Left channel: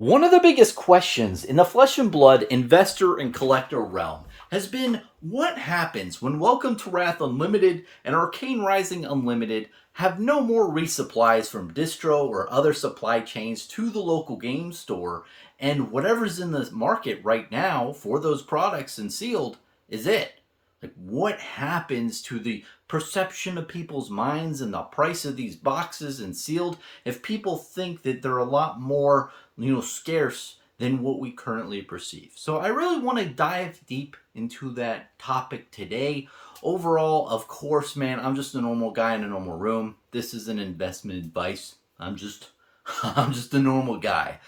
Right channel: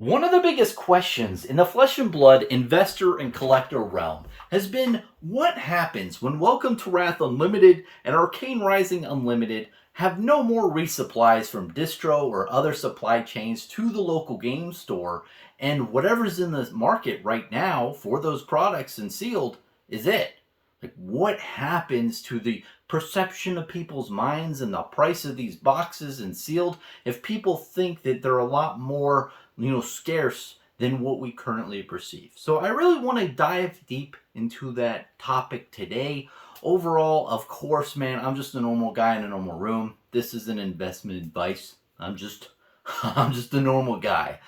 One of the biggest questions in the flesh and blood investor and collector realm has been what happens when Welcome to Wrath Unlimited and Arcane Rising Unlimited have no more resupplies from distro or other supply chains to the local game store, and whatever's in the market right now for those products and sealed is it. Like, what happens to the perception of people's minds and the price of these boxes and sealed if people think that they're a lot more scarce than what we currently perceive? So I really want to dive deep into that topic today. Overall, of course, man, I'm just a normal guy in a normal room. This isn't investment advice. I'm just I'm just a normal guy.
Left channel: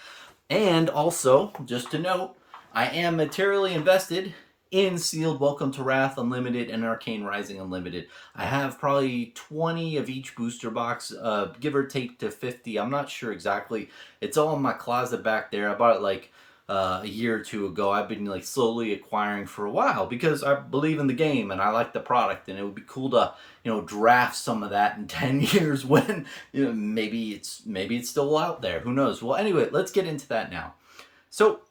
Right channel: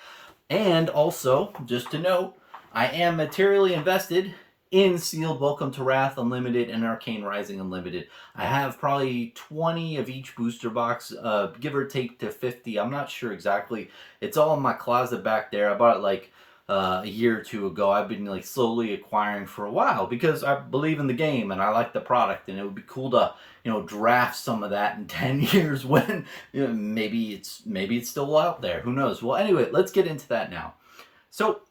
And also, just to note, I am materially invested in Sealed Welcome to Wrath Unlimited and Arcane Rising Unlimited. I have probably 20 of each booster box, give or take to 50. I'm not sure exactly. It's all in my closet back there. I bought it like a year or two ago. I've been like slowly acquiring for a while because I believe in the game and I like the product, and it would be cool to draft some of that in 10 years when maybe it's still out there. Who knows? Well, anyway, let's get into that now. So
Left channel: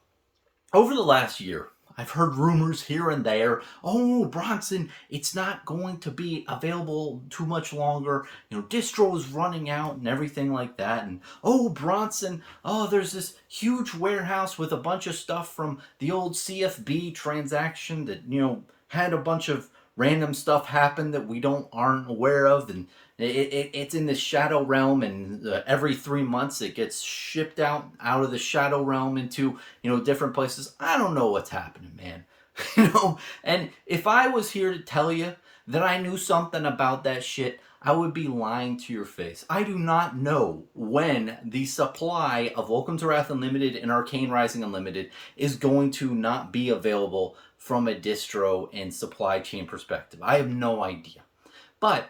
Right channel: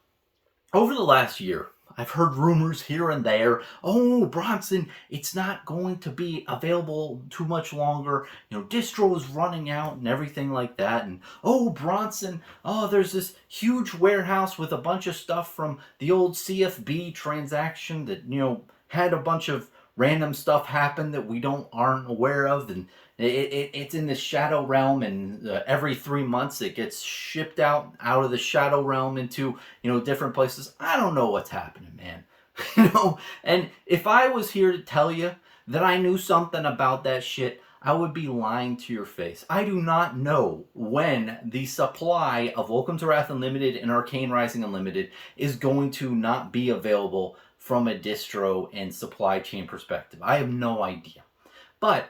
over the last year, I've heard rumors here and there. Oh, Bronson, it's not going to be available too much longer. Distro is running out and everything like that. And oh, Bronson, oh, there's this huge warehouse with a bunch of stuff from the old CFB transaction that, had a bunch of random stuff happen that we aren't aware of, and it's in the shadow realm, and every 3 months it gets shipped out of the shadow realm into different places. I don't know what's happening, man. And if I was here to tell you that I knew something about that shit, I would be lying to your face. I do not know when the supply of Welcome to Wrath Unlimited and Arcane Rising Unlimited is going to not be available from a distro and supply chain perspective. I have no idea. But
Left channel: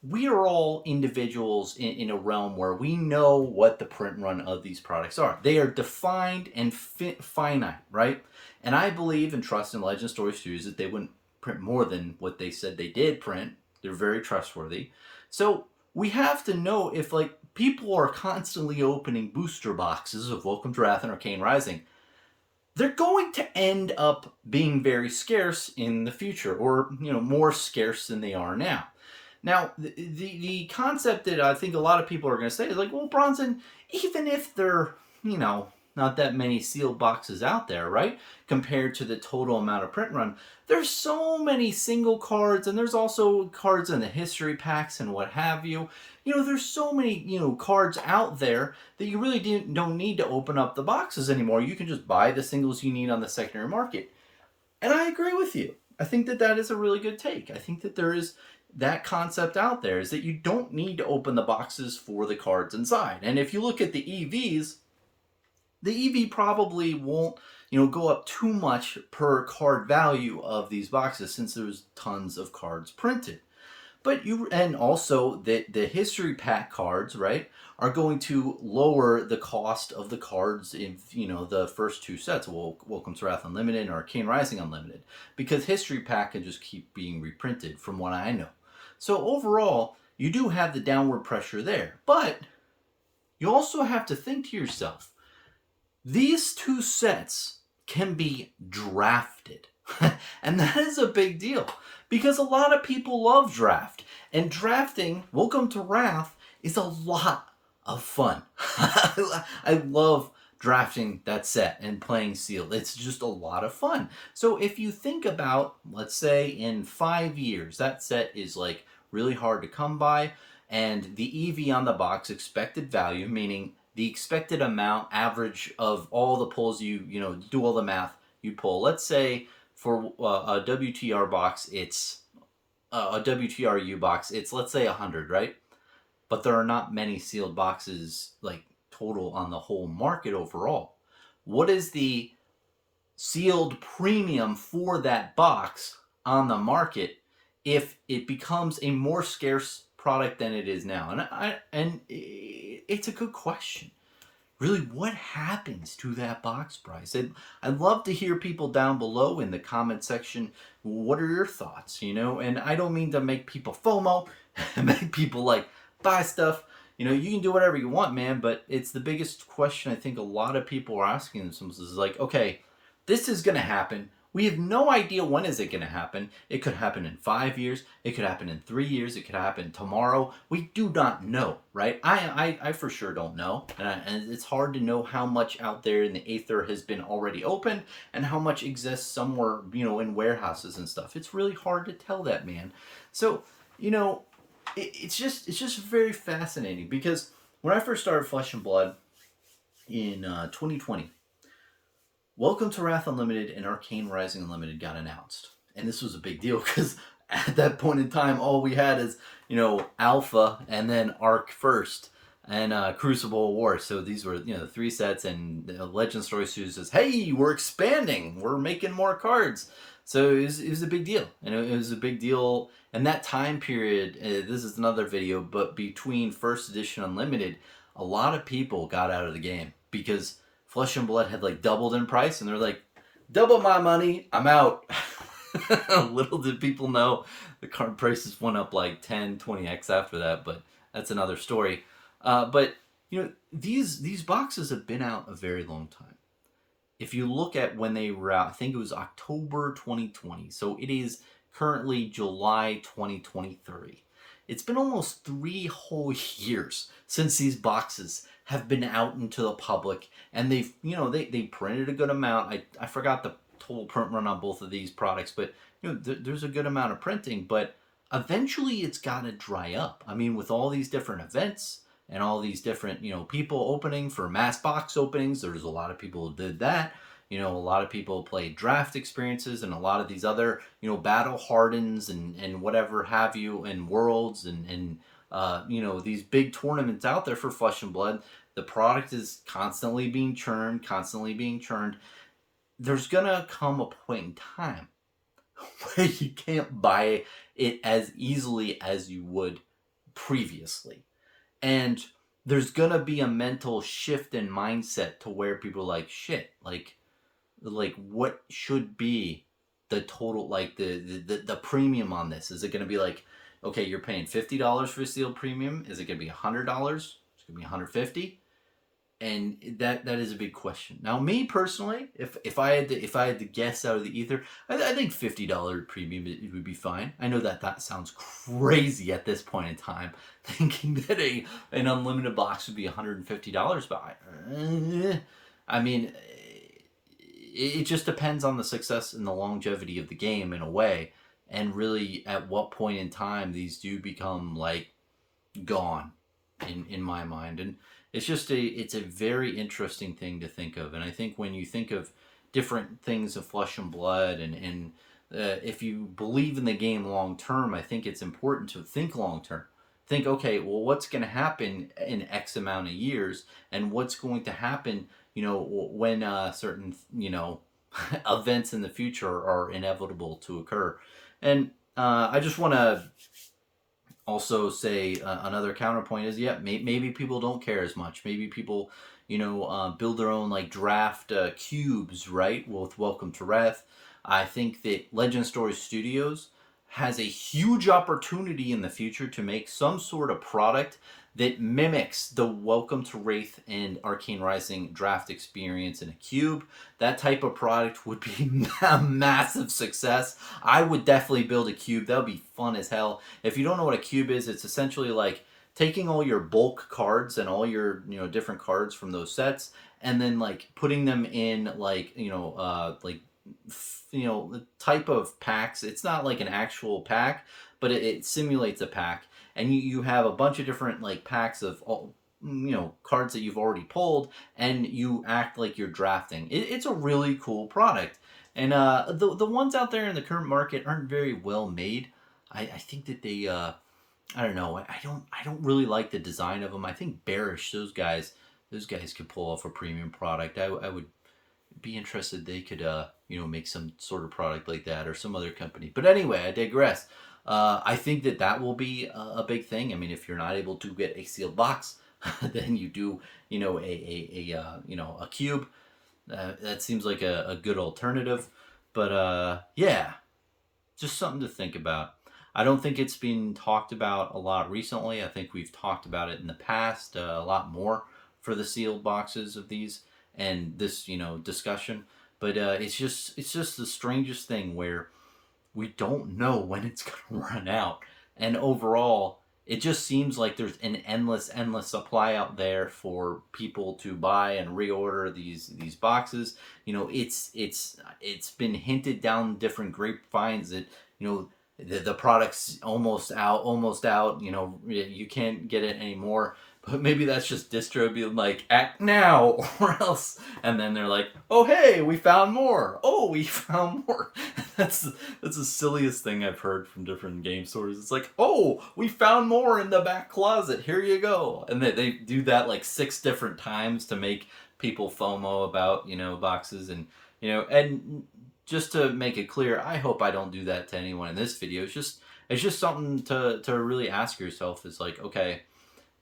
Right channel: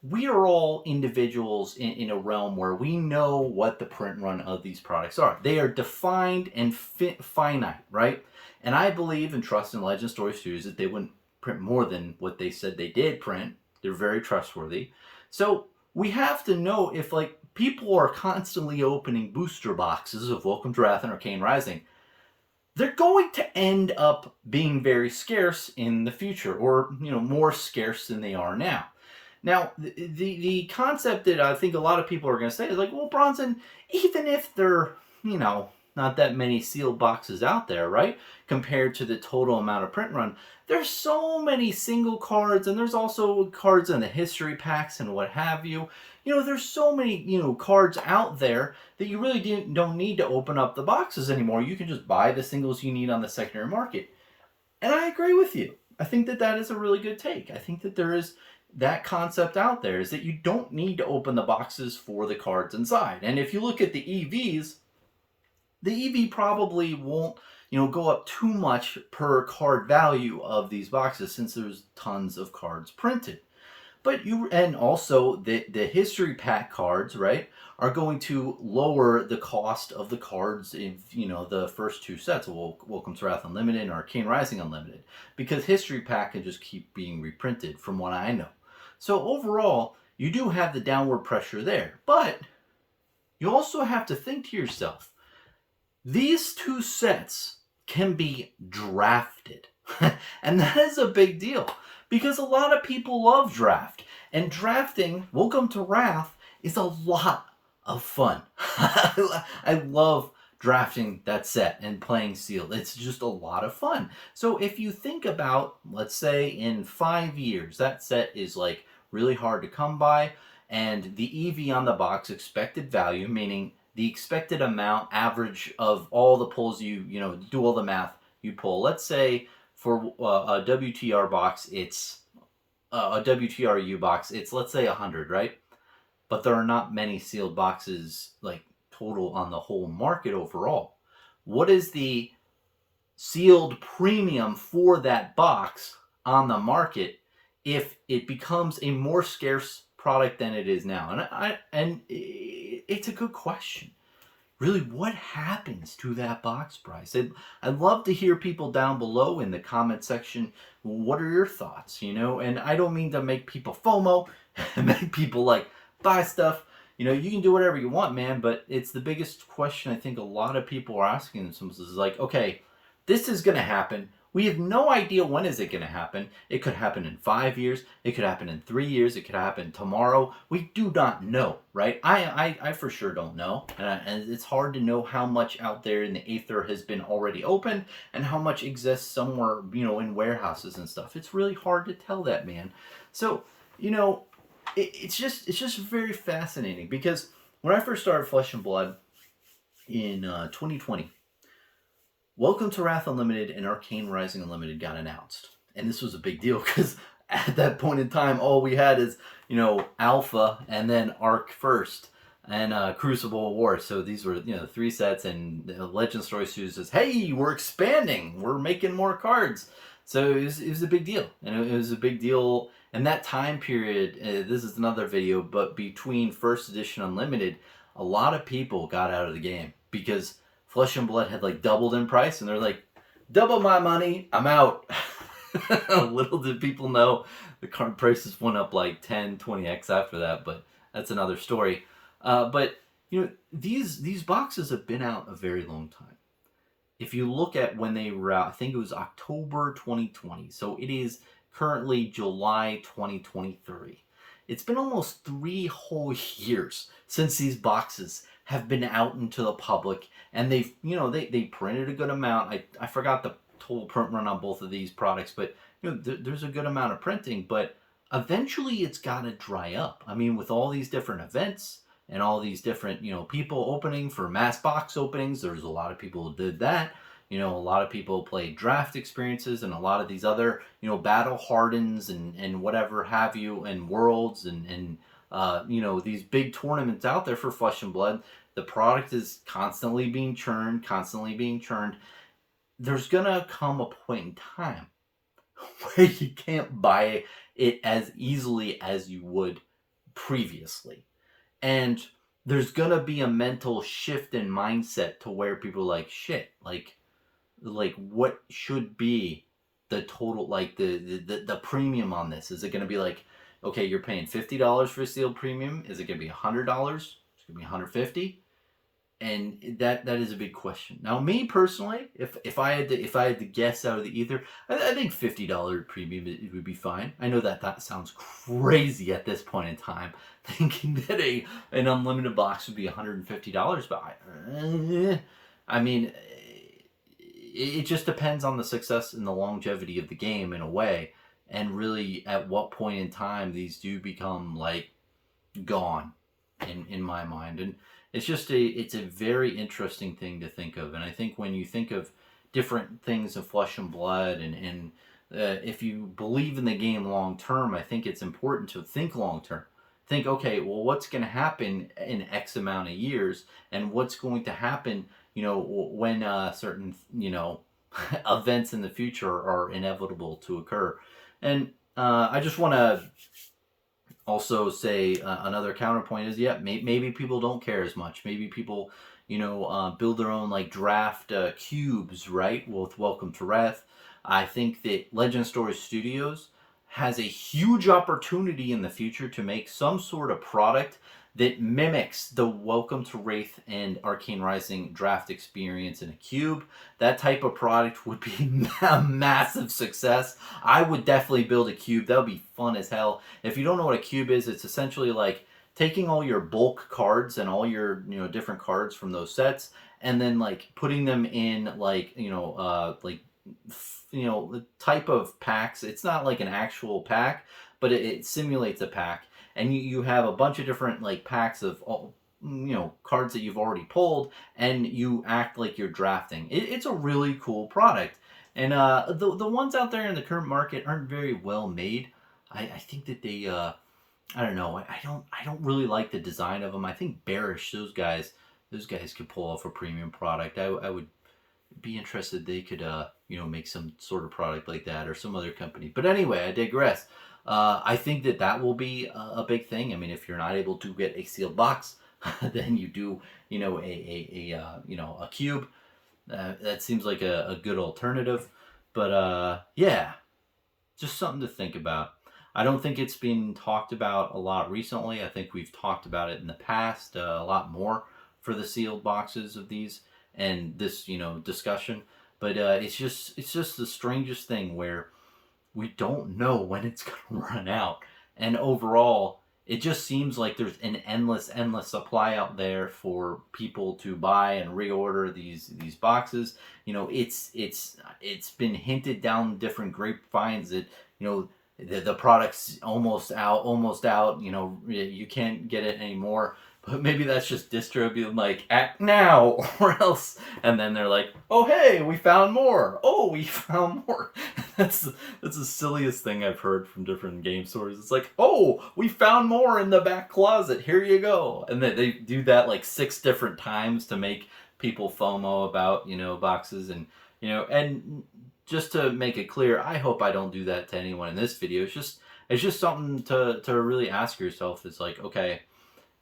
we are all individuals in a realm where we know what the print run of these products are. They are defined and finite, right? And I believe and trust in Legend Story Studios that they wouldn't print more than what they said they did print. They're very trustworthy. So we have to know if people are constantly opening booster boxes of Welcome to Wrath and Arcane Rising, they're going to end up being very scarce in the future, or more scarce than they are now. Now, the concept that I think a lot of people are going to say is like, well, Bronson, even if there, not that many sealed boxes out there, right? Compared to the total amount of print run, there's so many single cards, and there's also cards in the history packs and what have you. There's so many, cards out there that you really don't need to open up the boxes anymore. You can just buy the singles you need on the secondary market. And I agree with you. I think that is a really good take. I think that there is that concept out there, is that you don't need to open the boxes for the cards inside. And if you look at the EVs, the EV probably won't go up too much per card value of these boxes, since there's tons of cards printed. But and also the history pack cards, right, are going to lower the cost of the cards in the first two sets, Welcome to Wrath Unlimited and Arcane Rising Unlimited, because history pack can just keep being reprinted from what I know. So overall, you do have the downward pressure there, but you also have to think to yourself, these two sets can be drafted. And that is a big deal, because a lot of people love draft. And drafting Welcome to Wrath is a lot of fun. I love drafting that set and playing sealed. It's just a lot of fun. So if you think about, let's say in 5 years, that set is really hard to come by, and the EV on the box, expected value, meaning the expected amount average of all the pulls you do all the math you pull. Let's say for a WTR box, it's a WTRU box, it's, let's say, 100, right? But there are not many sealed boxes total on the whole market overall. What is the sealed premium for that box on the market if it becomes a more scarce product than it is now? And it's a good question. Really, what happens to that box price? I'd love to hear people down below in the comment section. What are your thoughts? And I don't mean to make people FOMO, make people buy stuff. you can do whatever you want, man, but it's the biggest question I think a lot of people are asking themselves is like, okay, this is going to happen. We have no idea when is it going to happen. It could happen in 5 years. It could happen in 3 years. It could happen tomorrow. We do not know, right? I for sure don't know. And it's hard to know how much out there in the aether has been already opened and how much exists somewhere, in warehouses and stuff. It's really hard to tell that, man. So, it's just very fascinating because when I first started Flesh and Blood in 2020, Welcome to Wrath Unlimited and Arcane Rising Unlimited got announced. And this was a big deal because at that point in time, all we had is, Alpha and then Arc First and Crucible War. So these were, 3 sets, and Legend Story Studios says, hey, we're expanding. We're making more cards. So it was a big deal. And it was a big deal. And that time period, this is another video, but between First Edition Unlimited, a lot of people got out of the game because Flesh and Blood had like doubled in price, and they're like, double my money, I'm out. Little did people know the card prices went up like 10, 20x after that, but that's another story. But these boxes have been out a very long time. If you look at when they were out, I think it was October 2020, so it is currently July 2023. It's been almost 3 whole years since these boxes have been out into the public, and they've they printed a good amount. I forgot the total print run on both of these products, but there's a good amount of printing, but eventually it's got to dry up. I mean, with all these different events and all these different people opening for mass box openings, there's a lot of people who did that. A lot of people played draft experiences and a lot of these other battle hardens and whatever have you, and worlds and these big tournaments out there for Flesh and Blood. The product is constantly being churned. There's gonna come a point in time where you can't buy it as easily as you would previously, and there's gonna be a mental shift in mindset to where people are like, shit, like what should be the total, like the premium on this? Is it gonna be like, okay, you're paying $50 for a sealed premium? Is it going to be $100? Is it going to be $150? And that is a big question. Now, me personally, if I had to guess out of the ether, I think $50 premium it would be fine. I know that sounds crazy at this point in time, thinking that an unlimited box would be $150, but I mean, it just depends on the success and the longevity of the game in a way. And really, at what point in time these do become like gone, in my mind. And it's just it's a very interesting thing to think of. And I think when you think of different things of Flesh and Blood, and if you believe in the game long term, I think it's important to think long term. Think, okay, well, what's going to happen in X amount of years, and what's going to happen, when certain, events in the future are inevitable to occur. And I just want to also say another counterpoint is, maybe people don't care as much. Maybe people, build their own like draft cubes, right? With Welcome to Wrath. I think that Legend Story Studios has a huge opportunity in the future to make some sort of product that mimics the Welcome to Wraith and Arcane Rising draft experience in a cube. That type of product would be a massive success. I would definitely build a cube. That would be fun as hell. If you don't know what a cube is, it's essentially like taking all your bulk cards and all your different cards from those sets, and then like putting them in like the type of packs. It's not like an actual pack, but it simulates a pack. And you have a bunch of different like packs of all, cards that you've already pulled, and you act like you're drafting. It's a really cool product, and the ones out there in the current market aren't very well made. I think that they I don't know. I don't really like the design of them. I think Bearish, those guys could pull off a premium product. I would be interested. They could make some sort of product like that, or some other company. But anyway, I digress. I think that will be a big thing. I mean, if you're not able to get a sealed box, then you do, a cube. That seems like a good alternative. But yeah, just something to think about. I don't think it's been talked about a lot recently. I think we've talked about it in the past a lot more for the sealed boxes of these and this, discussion. But it's just the strangest thing where we don't know when it's going to run out. And overall, it just seems like there's an endless supply out there for people to buy and reorder these boxes. It's been hinted down different grapevines that the product's almost out. You can't get it anymore. But maybe that's just distro being like, act now or else. And then they're like, oh, hey, we found more. Oh, we found more. That's the silliest thing I've heard from different game stores. It's like, oh, we found more in the back closet. Here you go. And they do that like 6 different times to make people FOMO about, boxes. And just to make it clear, I hope I don't do that to anyone in this video. It's just something to really ask yourself. It's like, okay,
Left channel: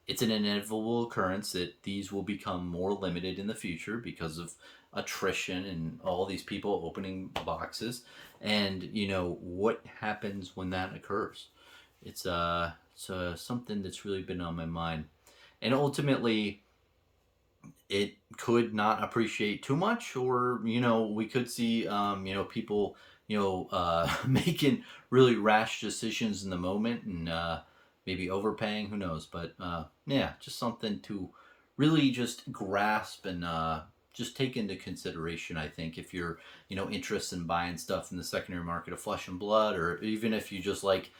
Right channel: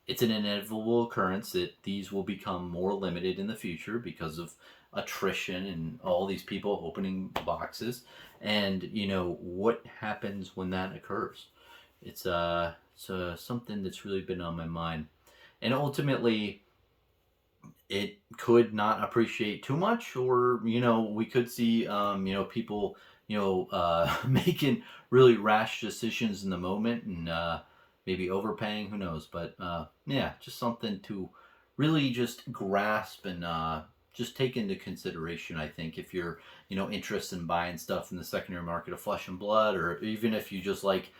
it's an inevitable occurrence that these will become more limited in the future because of attrition and all these people opening boxes. And what happens when that occurs? It's something that's really been on my mind. And ultimately, it could not appreciate too much, or we could see people making really rash decisions in the moment, and maybe overpaying, who knows. But yeah, just something to really just grasp and just take into consideration, I think, if you're interested in buying stuff in the secondary market of Flesh and Blood, or even if you just like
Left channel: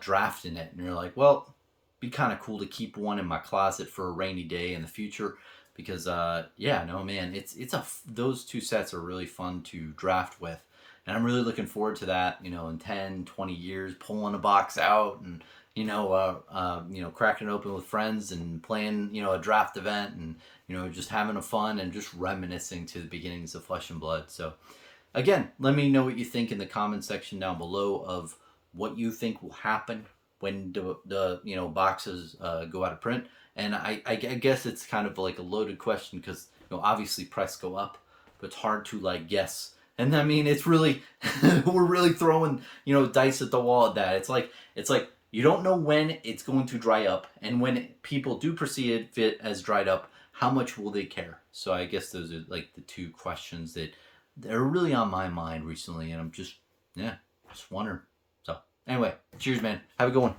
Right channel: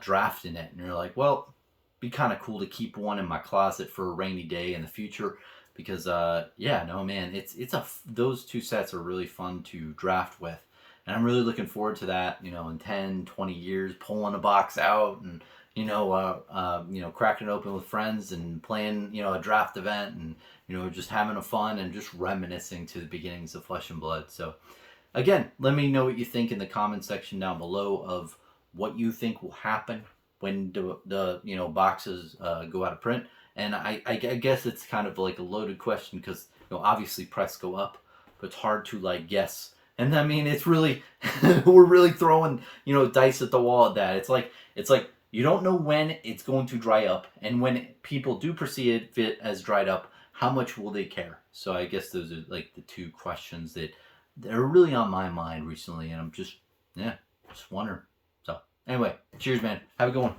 drafting it and you're like, well, be kind of cool to keep one in my closet for a rainy day in the future. Because yeah, no, man, those 2 sets are really fun to draft with, and I'm really looking forward to that, in 10, 20 years, pulling a box out and cracking it open with friends and playing a draft event, and just having a fun and just reminiscing to the beginnings of Flesh and Blood. So again, let me know what you think in the comment section down below of what you think will happen when the boxes go out of print. And I guess it's kind of like a loaded question because obviously prices go up, but it's hard to like guess. And I mean, it's really we're really throwing dice at the wall at that. It's like you don't know when it's going to dry up, and when people do perceive it as dried up, how much will they care? So I guess those are like the 2 questions that are really on my mind recently, and I'm just wondering. So anyway, cheers, man. Have a good one.